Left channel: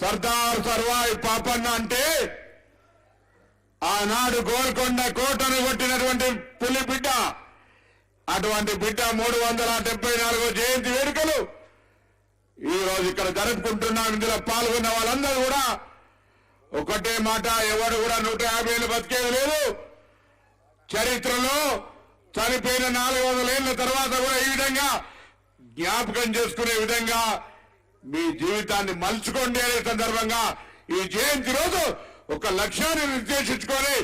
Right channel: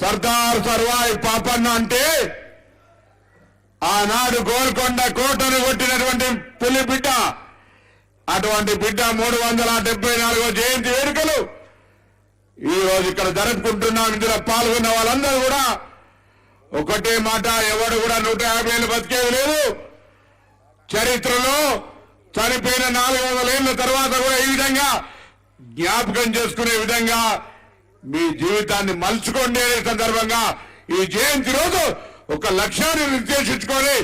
సర్దార్ సర్వాయి పాపన్న అంటే ఆనాడు గోల్కొండ కోటను కొట్టినటువంటి పులి బిడ్డ. అటువంటి బిడ్డ 374వ జయంతి వేడుకలు ఈ రోజు ఇక్కడ జరుపుకుంటున్నాం. ఇందులో పాల్గొన్న వాళ్ళందరూ కూడా ఒకటే మాట, ఎవడు కూడా 150 ఏళ్ళు బతికేది లేదు. చరిత్రలో చనిపోయిన 400 ఏళ్ల తర్వాత కూడా ఈ విధంగా జ్ఞాపకం చేసుకునే విధంగా మీ జీవితాన్ని మలుచుకోండి అనే సందర్భంగా ఈ జయంతి రోజు ఒక లక్ష్యాన్ని నిర్దేశించుకొని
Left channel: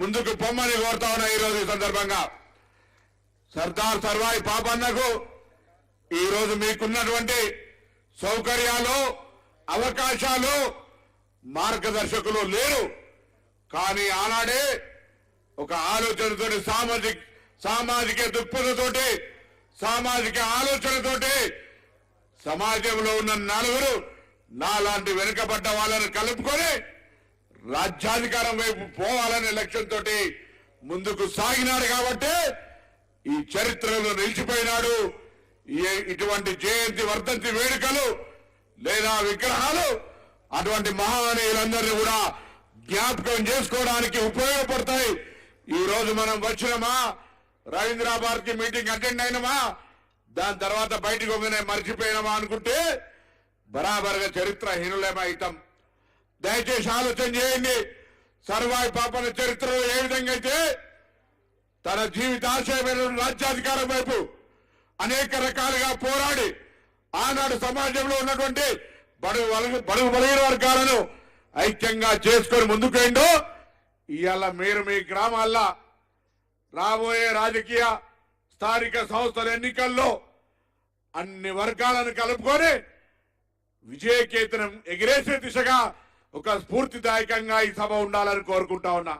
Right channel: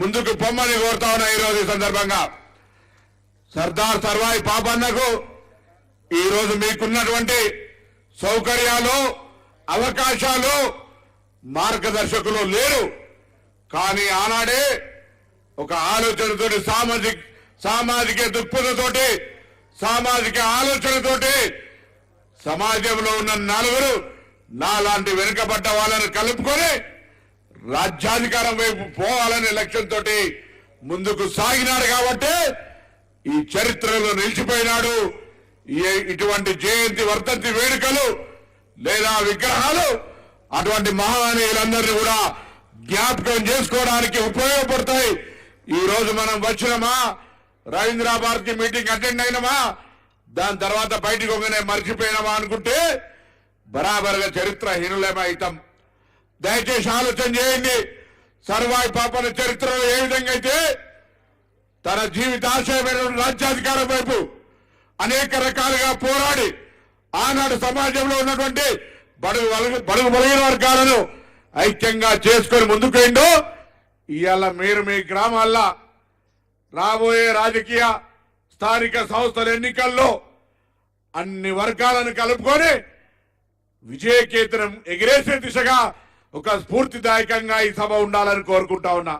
ముందుకు పొమ్మని కోరుతా ఉన్నా. ఈ రోజు ఈ సందర్భంగా సర్దార్ సర్వాయి పాపన్నకు ఈ రోజు మీకున్నటువంటి సౌకర్యాలు, అవకాశాలు, మార్గదర్శకులు లేరు. కానీ ఆనాడే ఒక ఆలోచనతోటి, సామాజిక దృక్పథంతోటి, సామాజిక ఆలోచనతోటి సమాజంలో ఉన్న నలుగురు నాలాంటి వెనుకబడ్డ వాళ్ళని కలుపుకొని రాజ్యాధికారం వైపు పోవాలనే లక్ష్యంతో ముందుకు సాగినాడు. కాబట్టి ఈ చరిత్రలో నిలిచిపోయినాడు. ఇటువంటి జయంతి, వర్ధంతి వేడుకలు లేదా విగ్రహాలు అటువంటి మహానీయులందరినీ కూడా జ్ఞాపకం చేసుకోవడానికి ఉపయోగపడతాయి. ఈ రోజు మనం వచ్చినమా, రవీంద్ర భారతి మీటింగ్ అటెండ్ అయినమా, దాని తర్వాత బయటకు ఒకనే మర్చిపోయినామా అనుకుంటే బరాబర్గా చరిత్రహీనులేమో అవుతాం. దయచేసి ఆలోచన చేయండి. సర్వాయి పాపన చరిత్రలో ఏ విధంగా అయితే తన జీవితాశయమైన రాజ్యాధికారం వైపు అనేక రకాలుగా పోరాడి ఆనాడు సమాజంలో ఉన్నటువంటి బడుగు బలహీన వర్గాలను ఐక్యంగా చేసుకొని ముందుకేండో, ఇవాళ మీరు మీ గ్రామాల్లో రాబోయే రాజకీయ స్థానిక సంస్థల ఎన్నికల్లో అన్ని వర్గాలను కలుపుకొని విజయకేతనం ఎగిరేసే దిశగా ఒక స్ఫూర్తిదాయకంగా ఈ సభ ఉండాలని కోరుకుంటా ఉన్నా.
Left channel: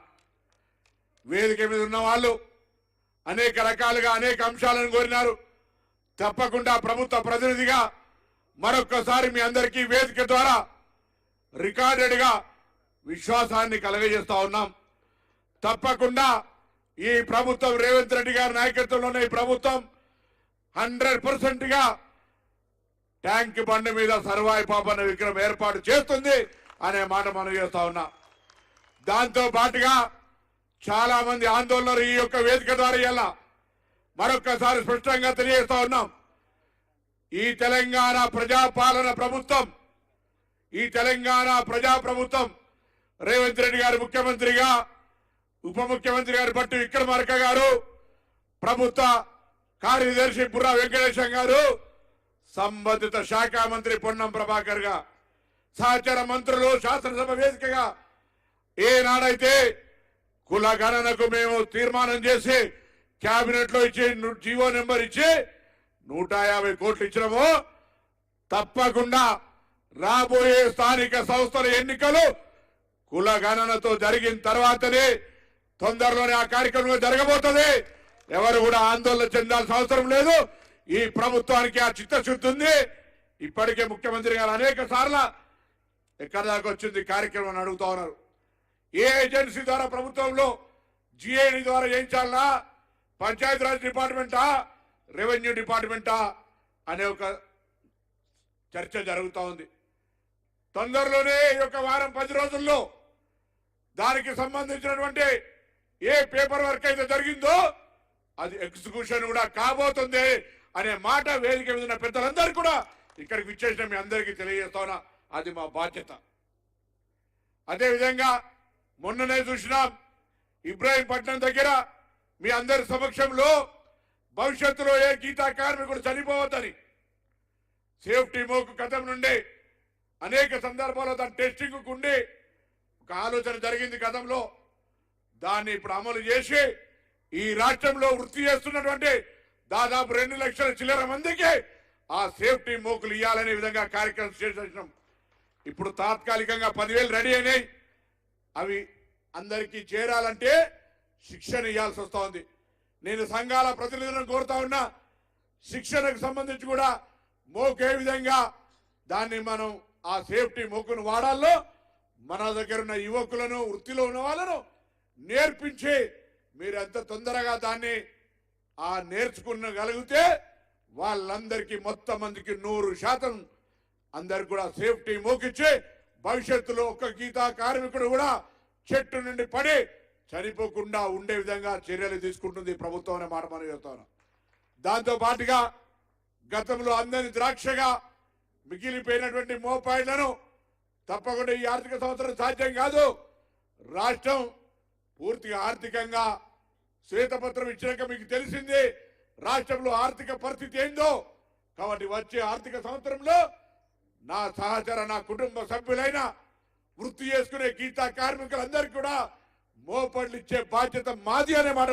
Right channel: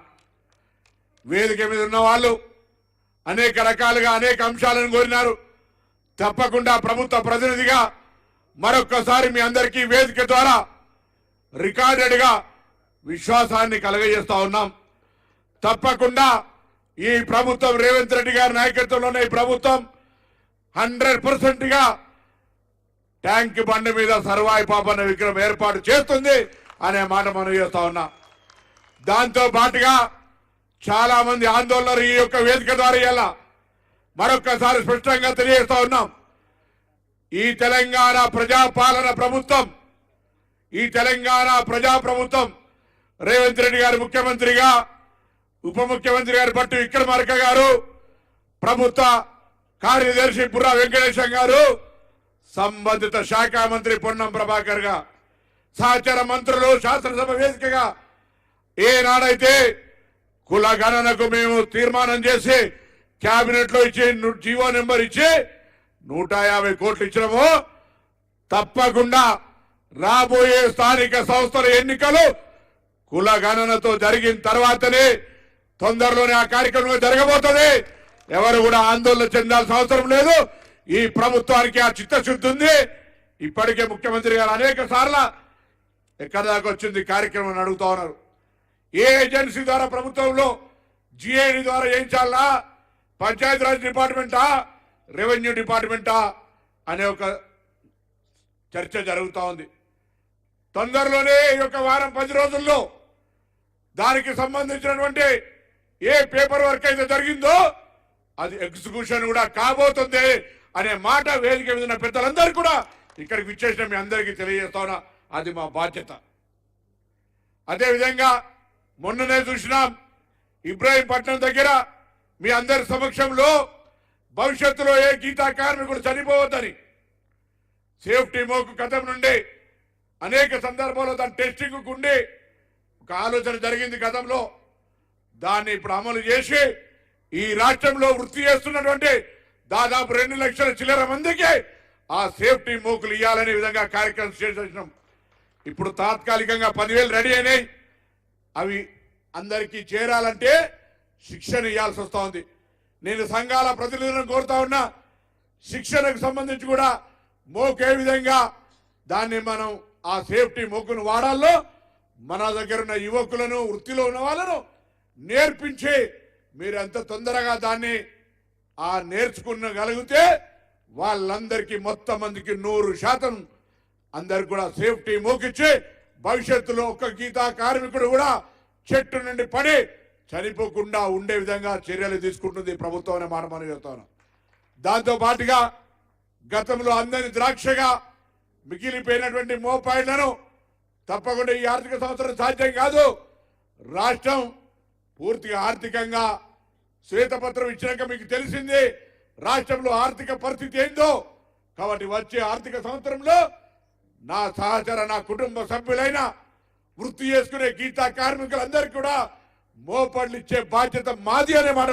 వేదిక మీద ఉన్న వాళ్ళు అనేక రకాలుగా అనేక అంశాలను కోరినారు. తప్పకుండా ప్రభుత్వ ప్రతినిధిగా మరొక్కసారి మీ అందరికీ వేదిక ద్వారా రికార్డెడ్గా విశ్వాసాన్ని కలగజేస్తా ఉన్నాం. తప్పకుండా ఈ ప్రభుత్వం, రేవంత్ రెడ్డి గారి నాయకత్వంలోనే ఈ ప్రభుత్వం 100%గా ట్యాంక్ బండి మీద సర్వాయి పాపన్న విగ్రహం ఏర్పాటు చేస్తుంది అనే మాట మనం చేస్తా ఉన్నా. దాంతో పాటుగా చాలా మంది ఆందోళనలు ఈ యొక్క వేదిక ద్వారా ఇలా మరొక్కసారి స్పష్టంగా తెలియజేస్తా ఉన్నాం. ఈ తెలంగాణ ప్రజాపాలన ప్రభుత్వం, ఈ తెలంగాణ ప్రజాప్రభుత్వం రేవంత్ రెడ్డి గారు ముఖ్యమంత్రిగా, ఉప ముఖ్యమంత్రి గారు పట్టు విక్రమార్క గారు, ప్రభుత్వ కార్యదర్శి బుర్రా వెంకటేశం గారు, సంబంధిత శాఖ మంత్రి పొన్నం ప్రభాకర్ గా, సహచర మంత్రులు శాసనసభ వేదికగా ఏనాడైతే కుల గణనకు మేము తీర్మానం చేసి కేబినెట్ లో ఇచ్చి జీవో నెంబర్ ఇచ్చి 150 కోట్లు ఇచ్చినామో, తప్పకుండా రాబోయే స్థానిక సంస్థల ఎన్నికలు కుల గణనతో జరిగిన తర్వాతనే తొందరలోనే ఆ కార్యక్రమం జరగబోతుంది. ఎవరు కూడా ఆందోళన చెందాల్సిన అవసరం లేదు. ఈ ప్రభుత్వానికి ఆ చిత్తశుద్ధి ఉంది. ఇప్పటికే ముఖ్యమంత్రి గారు అనేక సార్లు ఎక్కడి దాకా వచ్చింది కార్యక్రమం అడుగుతా ఉన్నారు. ఏ ఏజెన్సీ ద్వారా ప్రభుత్వంలో జిఐడి ద్వారా చేయించాలా, పంచాయతీరాజ్ డిపార్ట్మెంటా, రెవెన్యూ డిపార్ట్మెంటా అనే ఒక చర్చ జరుగుతూ ఉంది. తొందరలోనే ఈ యొక్క వారం 10 రోజుల్లో దానికి సంబంధించినటువంటి ఏ పేపర్ వర్క్ అయితే జరిగిందో అది ఎగ్జిక్యూషన్ కూడా కాబోతుంది అనే మాట వేదిక మీద ఉన్న పెద్దలందరూ కూడా ఇక్కడికి విచ్చేసిన మీ అందరికీ తెలియజేస్తా ఉన్నా. అది మా బాధ్యత. అదేవిధంగా మొన్ననే చూసినాం ఇబ్రాహీంపట్నం దగ్గర మీ అందరి సమక్షంలో భవిష్యత్తులో ఏ గీతా కార్మికుడు చనిపోవద్దని సేఫ్టీ మోకు కథం నుండి అనేక సందర్భాల్లో దాని టెస్టింగ్ ఉండి ఒక ఆలోచన జరిగింది గతంలో. దాన్ని ఇప్పుడు అమలు చేసి ఈ రాష్ట్రంలో వృత్తి చేస్తున్నటువంటి దాదాపు 2 లక్షల చిల్లర మందికి ఆ సేఫ్టీ మోకులు ఇవ్వాలనే విధంగా కార్యక్రమం చేసినాం. ఇప్పుడు తాత్కాలికంగా 10,000 రెడీ అయినాయి. అవి అందరికీ చేరాలంటే శిక్షణ ఇవ్వాల్సి వస్తూ ఉంది. నేను సంఘాల ప్రతినిధులను కోరుతా ఉన్నా, శిక్షణకు సంబంధించి కూడా మోకు ఏ విధంగా దాన్ని మనం ఆ సేఫ్టీ మోకును వాడాలో మన దగ్గర ఉన్న యువకులను, వృత్తిలో ఉన్న వాళ్ళను నేర్పించి మీరు ఎంత తొందరగా దాన్ని నేర్చుకునగలిగితే వాళ్ళందరికీ మొత్తం మందికి 100% అందరికి కూడా సేఫ్టీ మోకిచ్చి భవిష్యత్తులో ఒక్క గీతా కార్మికుడు కూడా చెట్టు నుండి పడి చనిపోకుండా ఉండే విధంగా చర్యలు తీసుకుంటుంది ప్రభుత్వం అనే మాట మనం చెప్తాను. దాంతో పాటుగా గతంలో అందని ద్రాక్షగా మిగిలిపోయినటువంటి మోపాయిలను తప్పకుండా ఈ ఆర్థిక సంవత్సరం సాధ్యం కాదు. రాష్ట్రం పూర్తిగా ఆర్థికంగా శ్వేతపత్రం ఇచ్చినాక మీకు తెలిసింది రాష్ట్రంలో ఆర్థిక పరిస్థితి ఏందో. కాబట్టి వచ్చే ఆర్థిక సంవత్సరంలో నా సహచర నా కుటుంబ సభ్యులైన వృత్తి చేసుకునే గీతా కార్మికులందరికీ కూడా మోపడ్లు ఇచ్చే బాధ్యత మాది అనే మాట